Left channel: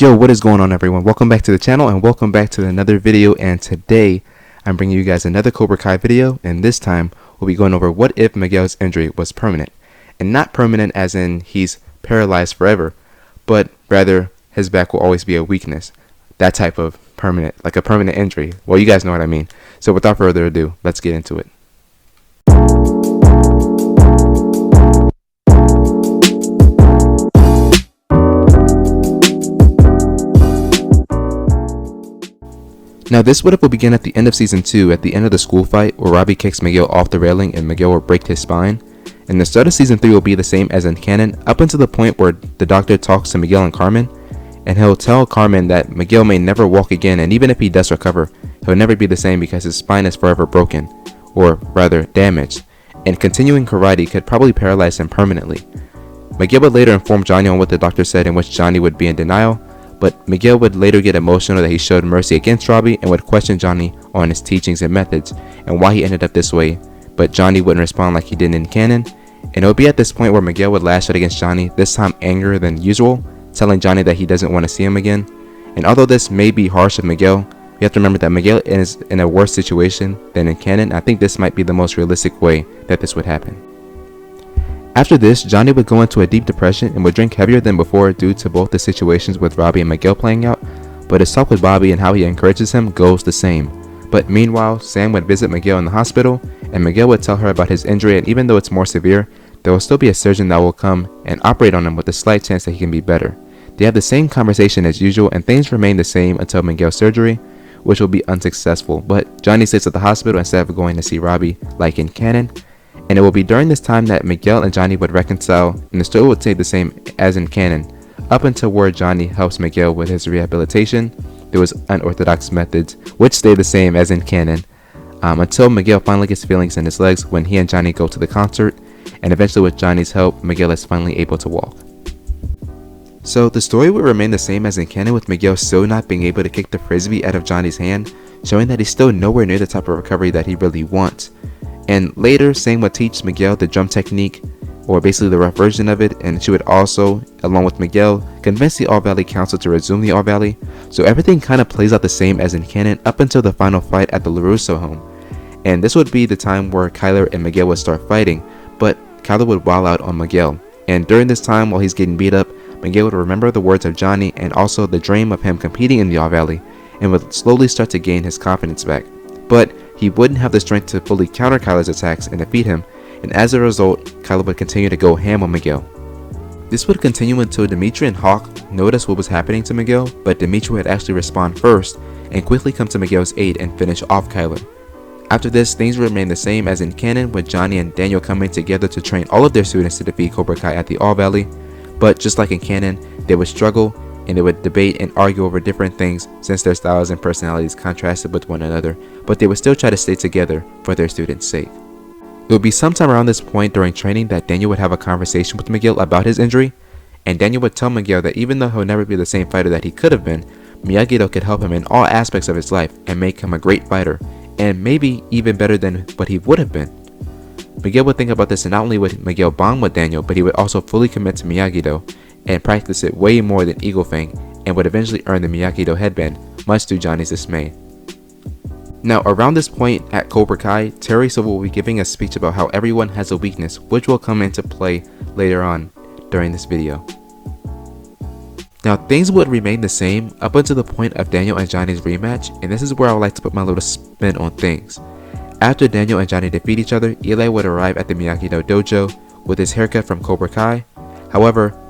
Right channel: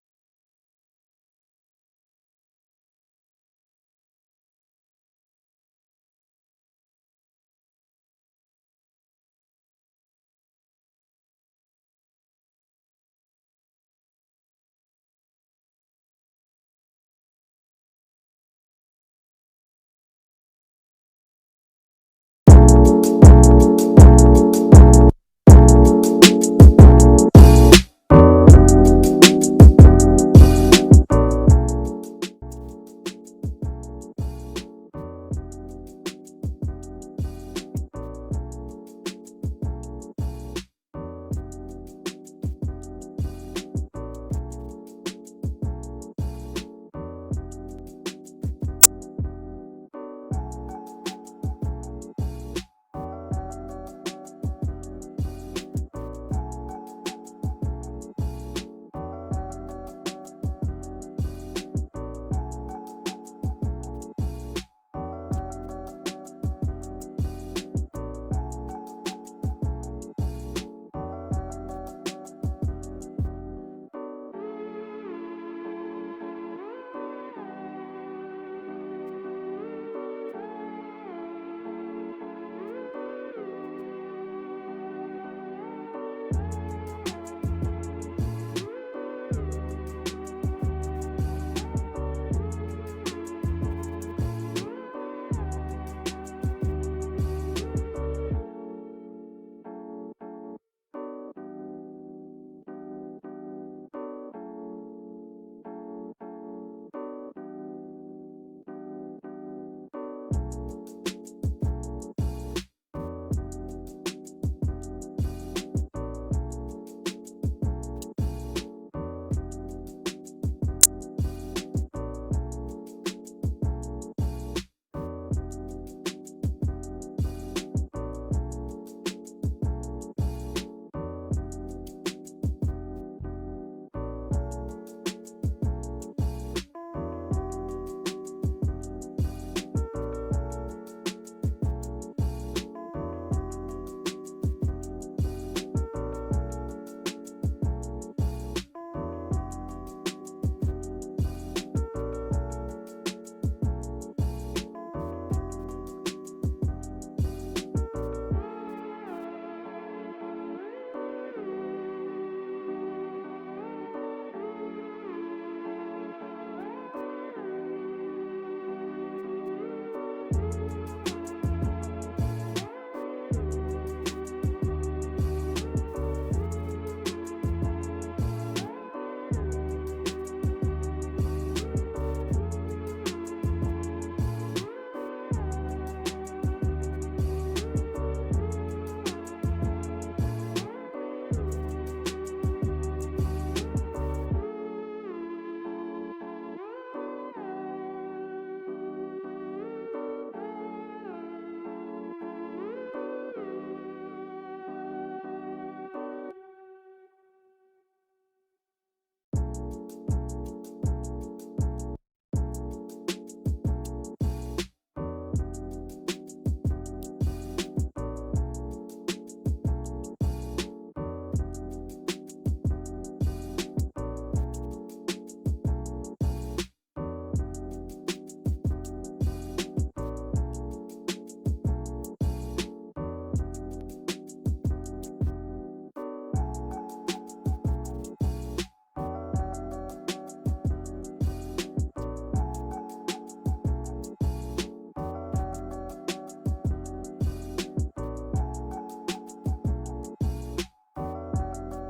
Yo, what is going on, everyone? Welcome back to the channel and welcome back to another video. And today I'm bringing you guys another Cobra Kai video, and this time we'll be going over what if Miguel's injury was permanent. And not permanent as in he's paralyzed forever, but rather his back will always be a weakness. That type of permanent, like a permanent injury. Well, you guys know what I mean. So without further ado, let's get into it. Now this what if will begin at the end of season 2 at the end of the school fight where Robbie kicks Miguel off the railing and Miguel will break his spine. And the start of season 3 will be the same as in canon up until the point where the doctor talks to Miguel and Carmen, and he'll tell Carmen that Miguel may never walk again, and even if he does recover, he'll never be the same because his spine is forever broken, or rather damaged, and continuing karate could probably paralyze him permanently. Miguel would later inform Johnny on what the doctor said, in which Johnny would be in denial, but Miguel would later get emotional that he showed mercy against Robbie and would question Johnny on his teachings and methods and why he ended up this way, but Johnny wouldn't respond like he did in canon, and it would be at this point where Miguel would lash out against Johnny, this time angrier than usual, telling Johnny that he doesn't want to see him again. And although this may be harsh with Miguel, you have to remember that Miguel is in a worse situation than in canon. I think this might be the most realistic way that this would happen. After this, Johnny would go into a deep depression and would drink heavier than before due to both the situations with Robbie and Miguel playing out, but his talk with Bobby and how he encourages him goes the same. But meanwhile, Sam would visit Miguel in the hospital, and Miguel would tell her about his injury, and even though it's more severe, there will still be a surgeon that will come and operate on him with a slight chance that he can be better. They have the same conversation as usual, and things remain the same until Miguel's surgery, which will be unsuccessful, but Johnny stays at the hospital instead of going to see Robbie like in canon. And it will be during this time that Miguel and Johnny would reconcile, and the story would stay the same as in canon, up until where Johnny helps Miguel with his rehabilitation. There was unorthodox methods, which stay the same as in canon, until Miguel finally gets feelings in his legs when he and Johnny go to the concert, and eventually with Johnny's help, Miguel is finally able to walk. So the story would remain the same as in canon, with Miguel still not being able to kick the frisbee out of Johnny's hand, showing that he's still nowhere near the type of recovery that he really wants. And later, Sam would teach Miguel the drum technique, or basically the rough version of it, and she would also, along with Miguel, convince the All Valley Council to resume the All Valley. So everything kind of plays out the same as in canon up until the final fight at the LaRusso home. And this would be the time where Kyler and Miguel would start fighting, but Kyler would wild out on Miguel. And during this time, while he's getting beat up, Miguel would remember the words of Johnny and also the dream of him competing in the All Valley, and would slowly start to gain his confidence back. But he wouldn't have the strength to fully counter Kyler's attacks and defeat him, and as a result, Kyler would continue to go ham on Miguel. This would continue until Dimitri and Hawk noticed what was happening to Miguel, but Dimitri would actually respond first and quickly come to Miguel's aid and finish off Kyler. After this, things would remain the same as in canon, with Johnny and Daniel coming together to train all of their students to defeat Cobra Kai at the All Valley, but just like in canon, they would struggle and they would debate and argue over different things since their styles and personalities contrasted with one another, but they would still try to stay together for their students' sake. It would be sometime around this point during training that Daniel would have a conversation with Miguel about his injury, and Daniel would tell Miguel that even though he'll never be the same fighter that he could have been, Miyagi-Do could help him in all aspects of his life and make him a great fighter, and maybe even better than what he would have been. Miguel would think about this, and not only would Miguel bond with Daniel, but he would also fully commit to Miyagi-Do and practice it way more than Eagle Fang, and would eventually earn the Miyagi-Do headband, much to Johnny's dismay. Now around this point at Cobra Kai, Terry Silver will be giving a speech about how everyone has a weakness, which will come into play later on during this video. Now things would remain the same up until the point of Daniel and Johnny's rematch, and this is where I would like to put my little spin on things. After Daniel and Johnny defeat each other, Eli would arrive at the Miyagi-Do dojo with his haircut from Cobra Kai. However,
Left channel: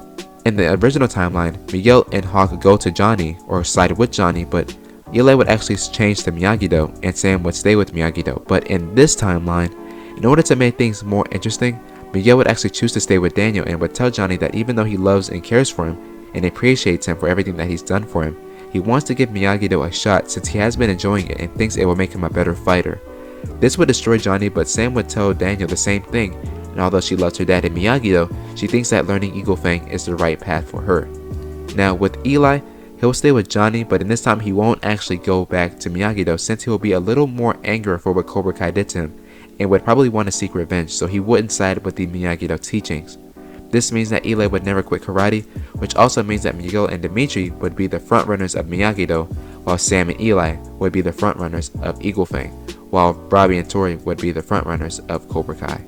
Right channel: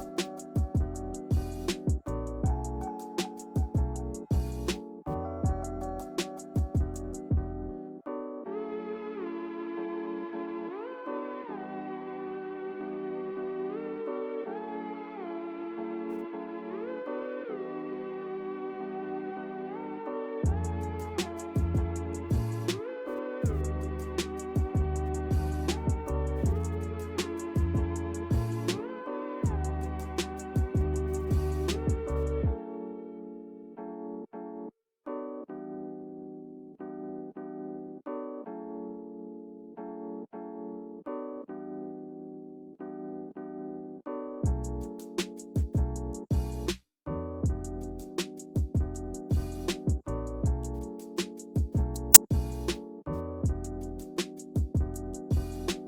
in the original timeline, Miguel and Hawk go to Johnny or side with Johnny, but Eli would actually change to Miyagi-Do and Sam would stay with Miyagi-Do. But in this timeline, in order to make things more interesting, Miguel would actually choose to stay with Daniel and would tell Johnny that even though he loves and cares for him and appreciates him for everything that he's done for him, he wants to give Miyagi-Do a shot since he has been enjoying it and thinks it will make him a better fighter. This would destroy Johnny, but Sam would tell Daniel the same thing, and although she loves her dad in Miyagi-Do, she thinks that learning Eagle Fang is the right path for her. Now with Eli, he'll stay with Johnny, but in this time he won't actually go back to Miyagi-Do since he will be a little more angry for what Cobra Kai did to him and would probably want to seek revenge, so he wouldn't side with the Miyagi-Do teachings. This means that Eli would never quit karate, which also means that Miguel and Dimitri would be the frontrunners of Miyagi-Do, while Sam and Eli would be the frontrunners of Eagle Fang, while Robbie and Tori would be the frontrunners of Cobra Kai.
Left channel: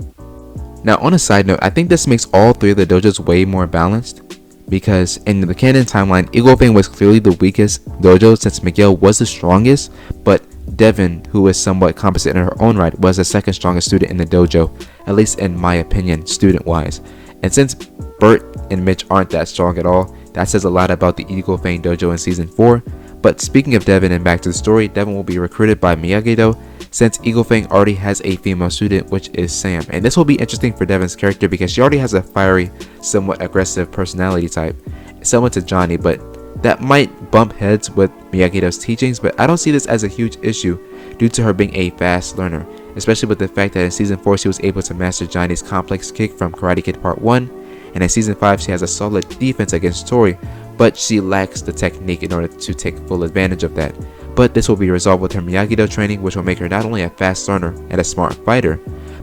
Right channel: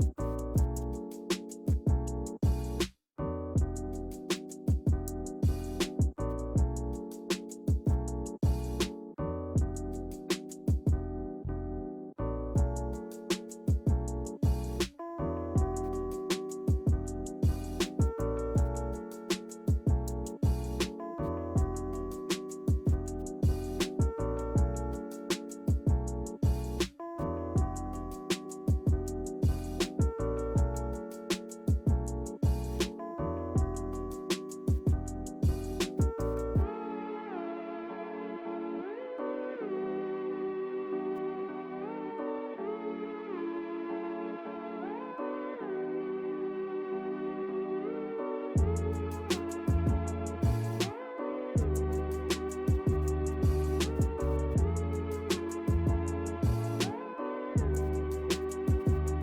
Now, on a side note, I think this makes all three of the dojos way more balanced, because in the canon timeline, Eagle Fang was clearly the weakest dojo since Miguel was the strongest, but Devin, who is somewhat competent in her own right, was the second strongest student in the dojo, at least in my opinion, student-wise. And since Bert and Mitch aren't that strong at all, that says a lot about the Eagle Fang dojo in season 4. But speaking of Devin and back to the story, Devin will be recruited by Miyagi-Do since Eagle Fang already has a female student, which is Sam. And this will be interesting for Devin's character because she already has a fiery, somewhat aggressive personality type, similar to Johnny, but that might bump heads with Miyagi-Do's teachings, but I don't see this as a huge issue due to her being a fast learner, especially with the fact that in season 4 she was able to master Johnny's complex kick from Karate Kid Part 1, and in season 5 she has a solid defense against Tori, but she lacks the technique in order to take full advantage of that. But this will be resolved with her Miyagi-Do training, which will make her not only a fast learner and a smart fighter,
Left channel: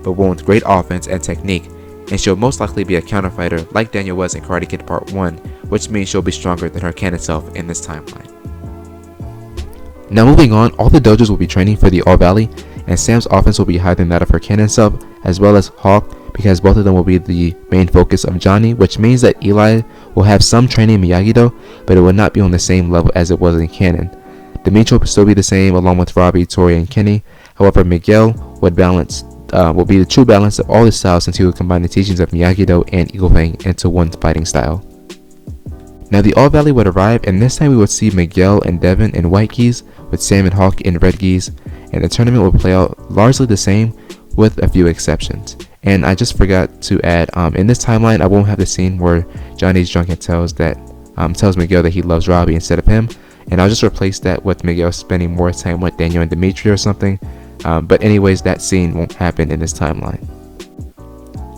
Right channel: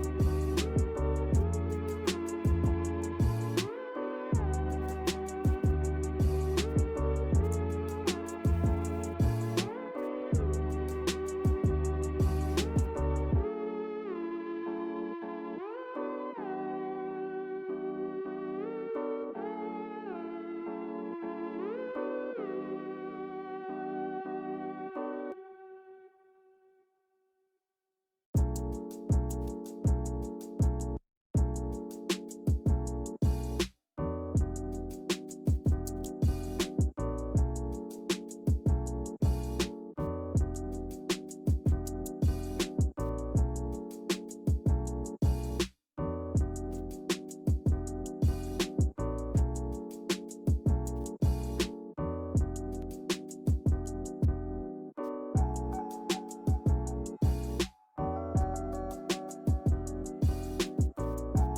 but one with great offense and technique, and she'll most likely be a counter fighter like Daniel was in Karate Kid Part 1, which means she'll be stronger than her canon self in this timeline. Now moving on, all the dojos will be training for the All Valley, and Sam's offense will be higher than that of her canon self, as well as Hawk, because both of them will be the main focus of Johnny, which means that Eli will have some training in Miyagi-Do, but it will not be on the same level as it was in canon. Dimitri will still be the same along with Robbie, Tori, and Kenny. However, Miguel will be the true balance of all the styles since he will combine the teachings of Miyagi-Do and Eagle Fang into one fighting style. Now the All Valley would arrive, and this time we would see Miguel and Devin in white gis with Sam and Hawk in red gis, and the tournament will play out largely the same with a few exceptions. And I just forgot to add, in this timeline I won't have the scene where Johnny's drunk and tells Miguel that he loves Robbie instead of him, and I'll just replace that with Miguel spending more time with Daniel and Dimitri or something. But anyways, that scene won't happen in this timeline.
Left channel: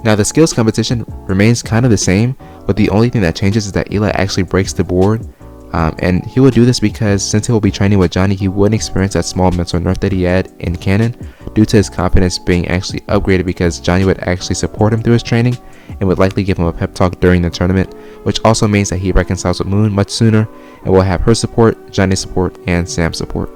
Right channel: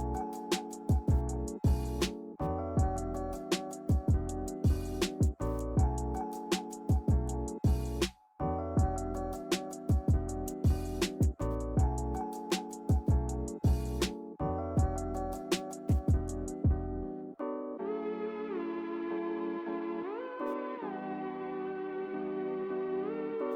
Now the skills competition remains kind of the same, but the only thing that changes is that Eli actually breaks the board, and he will do this because since he will be training with Johnny, he wouldn't experience that small mental nerf that he had in canon due to his confidence being actually upgraded, because Johnny would actually support him through his training and would likely give him a pep talk during the tournament, which also means that he reconciles with Moon much sooner and will have her support, Johnny's support, and Sam's support.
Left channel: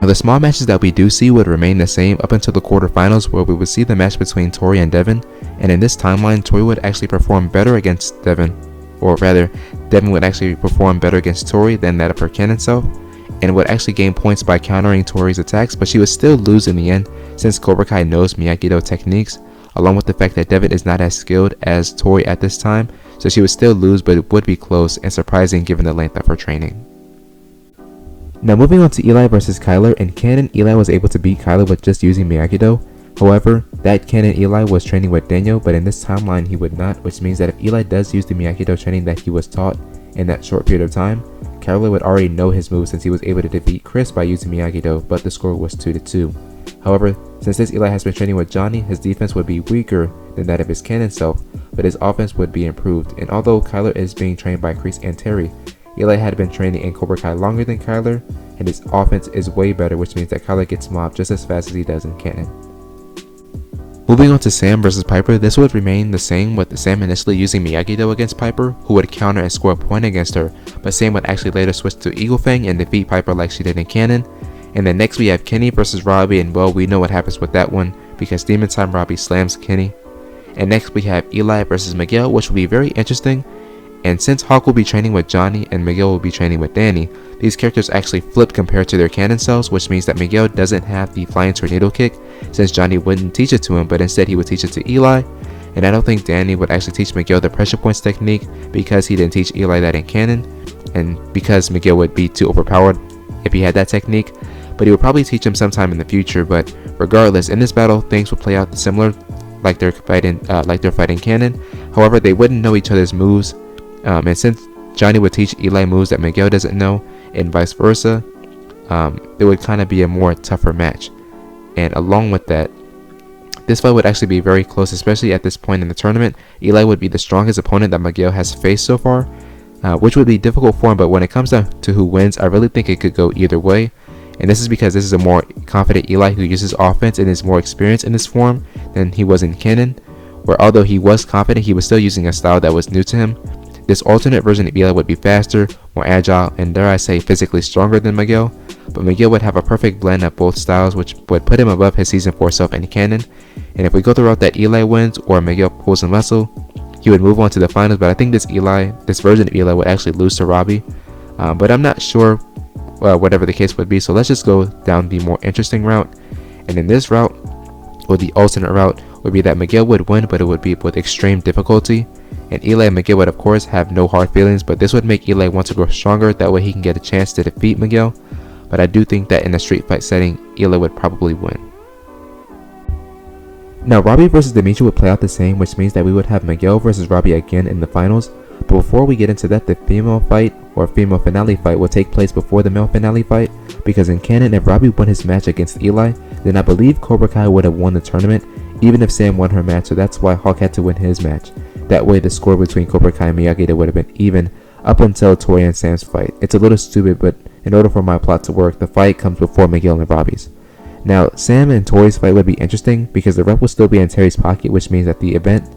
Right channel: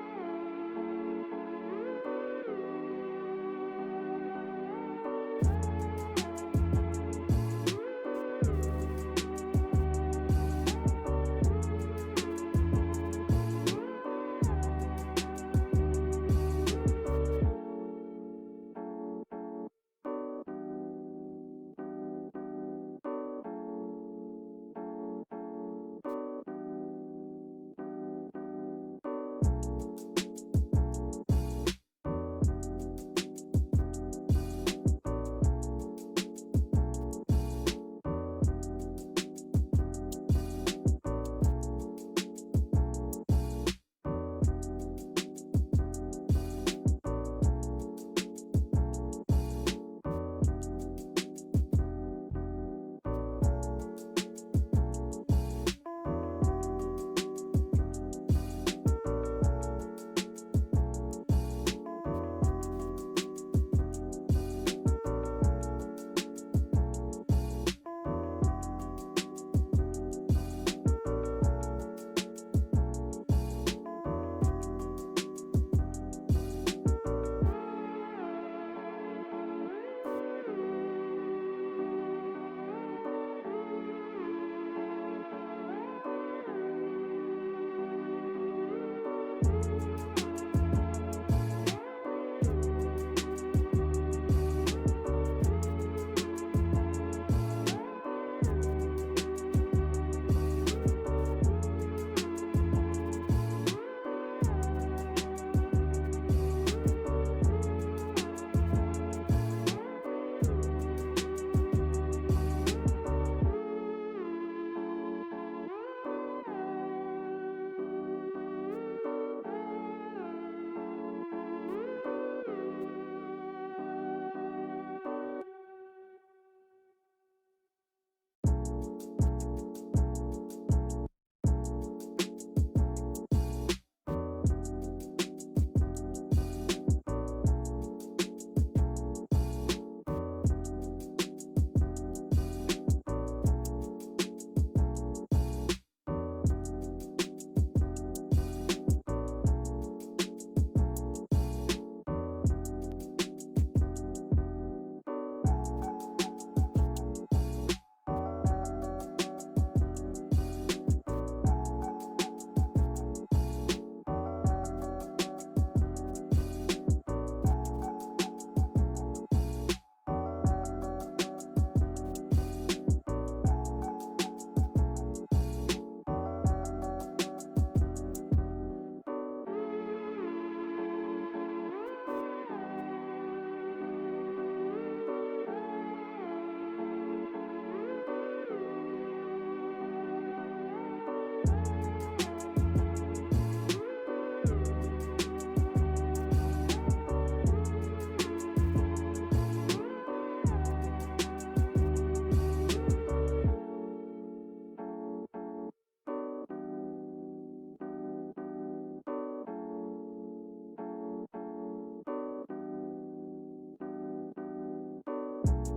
Now the small matches that we do see would remain the same up until the quarterfinals, where we would see the match between Tori and Devin, and in this timeline Tori would actually perform better against Devin, or rather Devin would actually perform better against Tori than that of her canon self, and would actually gain points by countering Tori's attacks, but she would still lose in the end since Cobra Kai knows Miyagi-Do techniques, along with the fact that Devin is not as skilled as Tori at this time, so she would still lose, but it would be close and surprising given the length of her training. Now moving on to Eli versus Kyler. In canon, Eli was able to beat Kyler with just using Miyagi-Do. However, that canon Eli was training with Daniel, but in this timeline he would not, which means that if Eli does use the Miyagi-Do training that he was taught in that short period of time, Kyler would already know his moves since he was able to defeat Chris by using Miyagi-Do, but the score was 2-2. However, since this Eli has been training with Johnny, his defense would be weaker than that of his canon self, but his offense would be improved. And although Kyler is being trained by Chris and Terry, Eli had been training in Cobra Kai longer than Kyler, and his offense is way better, which means that Kyler gets mobbed just as fast as he does in canon. Moving on to Sam versus Piper, this would remain the same with Sam initially using Miyagi-Do against Piper, who would counter and score a point against her, but Sam would actually later switch to Eagle Fang and defeat Piper like she did in canon. And then next we have Kenny versus Robbie, and well, we know what happens with that one because Demon Time Robbie slams Kenny. And next we have Eli versus Miguel, which will be very interesting. And since Hawk will be training with Johnny and Miguel will be training with Danny, these characters actually flip compared to their canon selves, which means that Miguel doesn't have the flying tornado kick since Johnny wouldn't teach it to him, but instead he would teach it to Eli. And I don't think Danny would actually teach Miguel the pressure points technique because he didn't teach Eli that in canon, and because Miguel would be too overpowered if he had that technique, but he would probably teach him sometime in the future. But regardless, in this battle things will play out similar like they're fighting canon. However, they wouldn't know each other's moves. And since Johnny would teach Eli moves that Miguel doesn't know, and vice versa, it would kind of be a more tougher match. And along with that, this fight would actually be very close, especially at this point in the tournament. Eli would be the strongest opponent that Miguel has faced so far, which would be difficult for him, but when it comes down to who wins, I really think it could go either way. And this is because this is a more confident Eli who uses offense and is more experienced in this form than he was in canon, where although he was confident, he was still using a style that was new to him. This alternate version of Eli would be faster, more agile, and dare I say physically stronger than Miguel, but Miguel would have a perfect blend of both styles, which would put him above his season 4 self in canon. And if we go the route that Eli wins or Miguel pulls a muscle, he would move on to the finals. But I think this version of Eli would actually lose to Robbie, but I'm not sure whatever the case would be. So let's just go down the more interesting route, and in this route, or the alternate route, would be that Miguel would win, but it would be with extreme difficulty, and Eli and Miguel would of course have no hard feelings, but this would make Eli want to grow stronger, that way he can get a chance to defeat Miguel. But I do think that in a street fight setting, Eli would probably win. Now Robbie versus Dimitri would play out the same, which means that we would have Miguel versus Robbie again in the finals. But before we get into that, the female fight or female finale fight will take place before the male finale fight, because in canon, if Robbie won his match against Eli, then I believe Cobra Kai would have won the tournament, even if Sam won her match. So that's why Hawk had to win his match. That way the score between Cobra Kai and Miyagi would have been even up until Tori and Sam's fight. It's a little stupid, but in order for my plot to work, the fight comes before Miguel and Robbie's. Now Sam and Tori's fight would be interesting because the ref will still be in Terry's pocket, which means that the event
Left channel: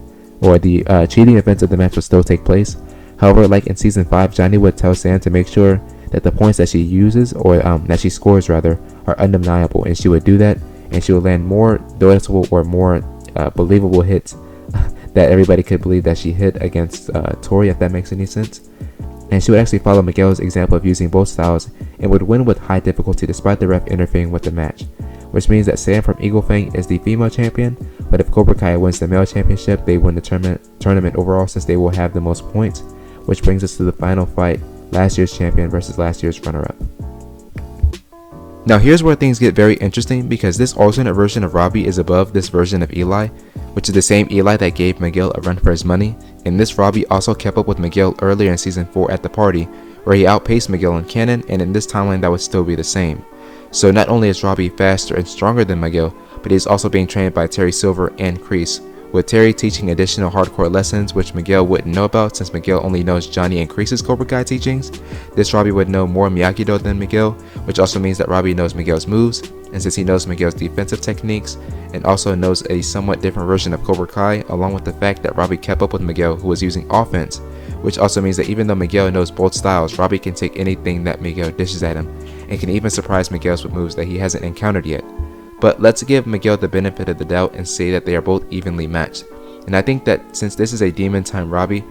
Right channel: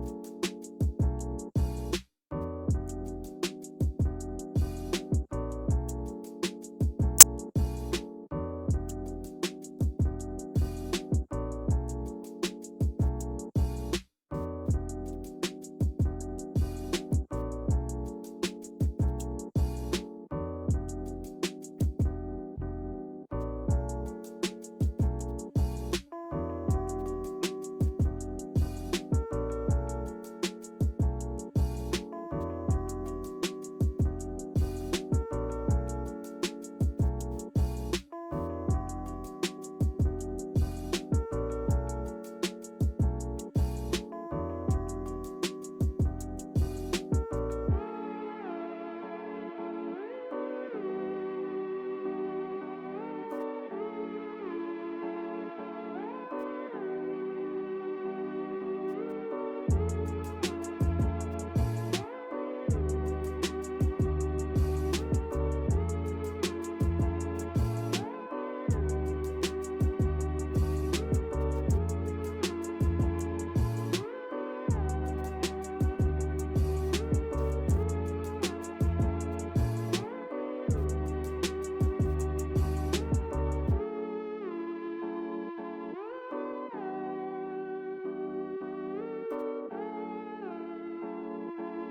or the cheating events of the match will still take place. However, like in season 5, Johnny would tell Sam to make sure that the points that she uses, or that she scores rather, are undeniable, and she would do that, and she would land more noticeable or more believable hits that everybody could believe that she hit against Tori, if that makes any sense. And she would actually follow Miguel's example of using both styles and would win with high difficulty despite the ref interfering with the match, which means that Sam from Eagle Fang is the female champion, but if Cobra Kai wins the male championship, they win the tournament overall, since they will have the most points, which brings us to the final fight, last year's champion versus last year's runner-up. Now here's where things get very interesting, because this alternate version of Robbie is above this version of Eli, which is the same Eli that gave Miguel a run for his money, and this Robbie also kept up with Miguel earlier in season 4 at the party, where he outpaced Miguel in canon, and in this timeline that would still be the same. So not only is Robbie faster and stronger than Miguel, but he's also being trained by Terry Silver and Kreese, with Terry teaching additional hardcore lessons which Miguel wouldn't know about, since Miguel only knows Johnny and Kreese's Cobra Kai teachings. This Robbie would know more Miyagi-Do than Miguel, which also means that Robbie knows Miguel's moves, and since he knows Miguel's defensive techniques, and also knows a somewhat different version of Cobra Kai, along with the fact that Robbie kept up with Miguel, who was using offense, which also means that even though Miguel knows both styles, Robbie can take anything that Miguel dishes at him, and can even surprise Miguel with moves that he hasn't encountered yet. But let's give Miguel the benefit of the doubt and say that they are both evenly matched. And I think that since this is a Demon Time Robbie,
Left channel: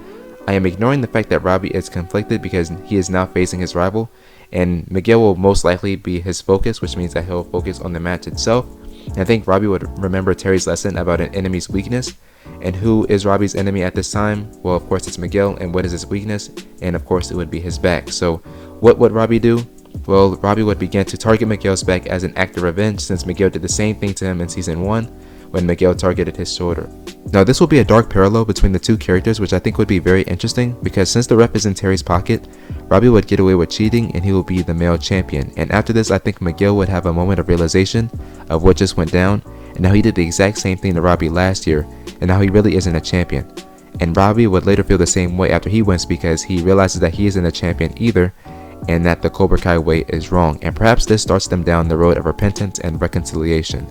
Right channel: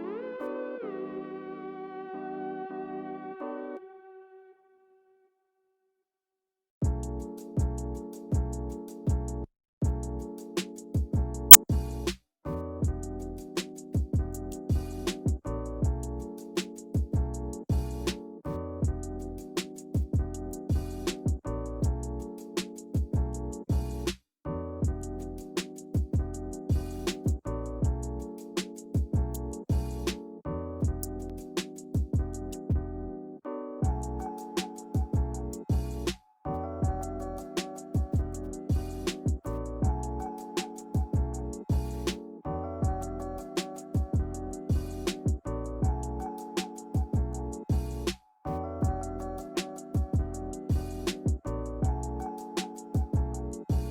I am ignoring the fact that Robbie is conflicted because he is now facing his rival, and Miguel will most likely be his focus, which means that he'll focus on the match itself. And I think Robbie would remember Terry's lesson about an enemy's weakness. And who is Robbie's enemy at this time? Well, of course it's Miguel, and what is his weakness? And of course it would be his back. So what would Robbie do? Well, Robbie would begin to target Miguel's back as an act of revenge, since Miguel did the same thing to him in season 1 when Miguel targeted his shoulder. Now this will be a dark parallel between the two characters, which I think would be very interesting, because since the ref is in Terry's pocket, Robbie would get away with cheating and he will be the male champion. And after this, I think Miguel would have a moment of realization of what just went down, and how he did the exact same thing to Robbie last year, and how he really isn't a champion. And Robbie would later feel the same way after he wins, because he realizes that he isn't a champion either, and that the Cobra Kai way is wrong, and perhaps this starts them down the road of repentance and reconciliation.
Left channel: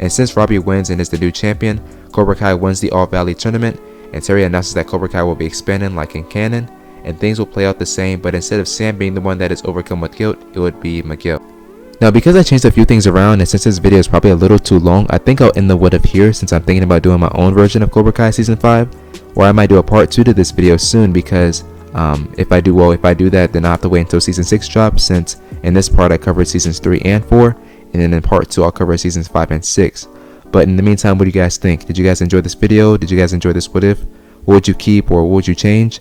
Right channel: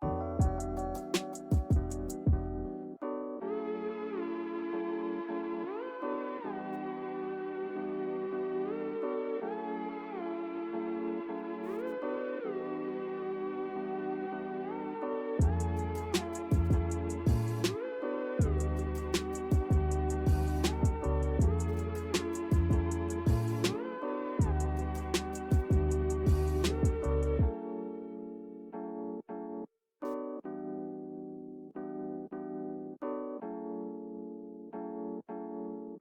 And since Robbie wins and is the new champion, Cobra Kai wins the All Valley tournament, and Terry announces that Cobra Kai will be expanding like in canon, and things will play out the same, but instead of Sam being the one that is overcome with guilt, it would be Miguel. Now because I changed a few things around, and since this video is probably a little too long, I think I'll end the what if here, since I'm thinking about doing my own version of Cobra Kai season 5, or I might do a part 2 to this video soon, because if I do that, then I'll have to wait until season 6 drops, since in this part I covered seasons 3 and 4, and then in part 2 I'll cover seasons 5 and 6. But in the meantime, what do you guys think? Did you guys enjoy this video? Did you guys enjoy this what if? What would you keep, or what would you change?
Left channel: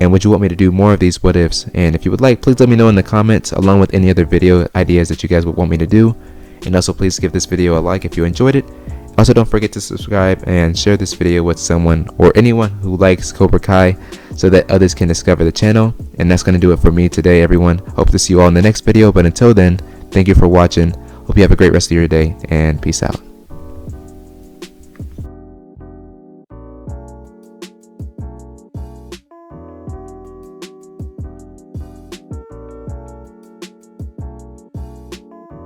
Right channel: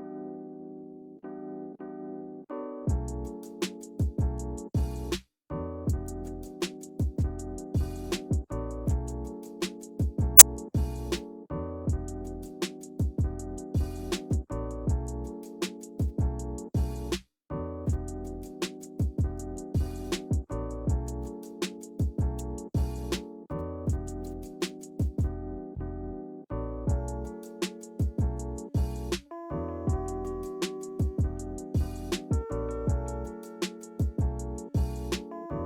And would you want me to do more of these what ifs? And if you would like, please let me know in the comments, along with any other video ideas that you guys would want me to do. And also please give this video a like if you enjoyed it. Also don't forget to subscribe and share this video with someone or anyone who likes Cobra Kai, so that others can discover the channel. And that's going to do it for me today, everyone. Hope to see you all in the next video, but until then, thank you for watching. Hope you have a great rest of your day, and peace out.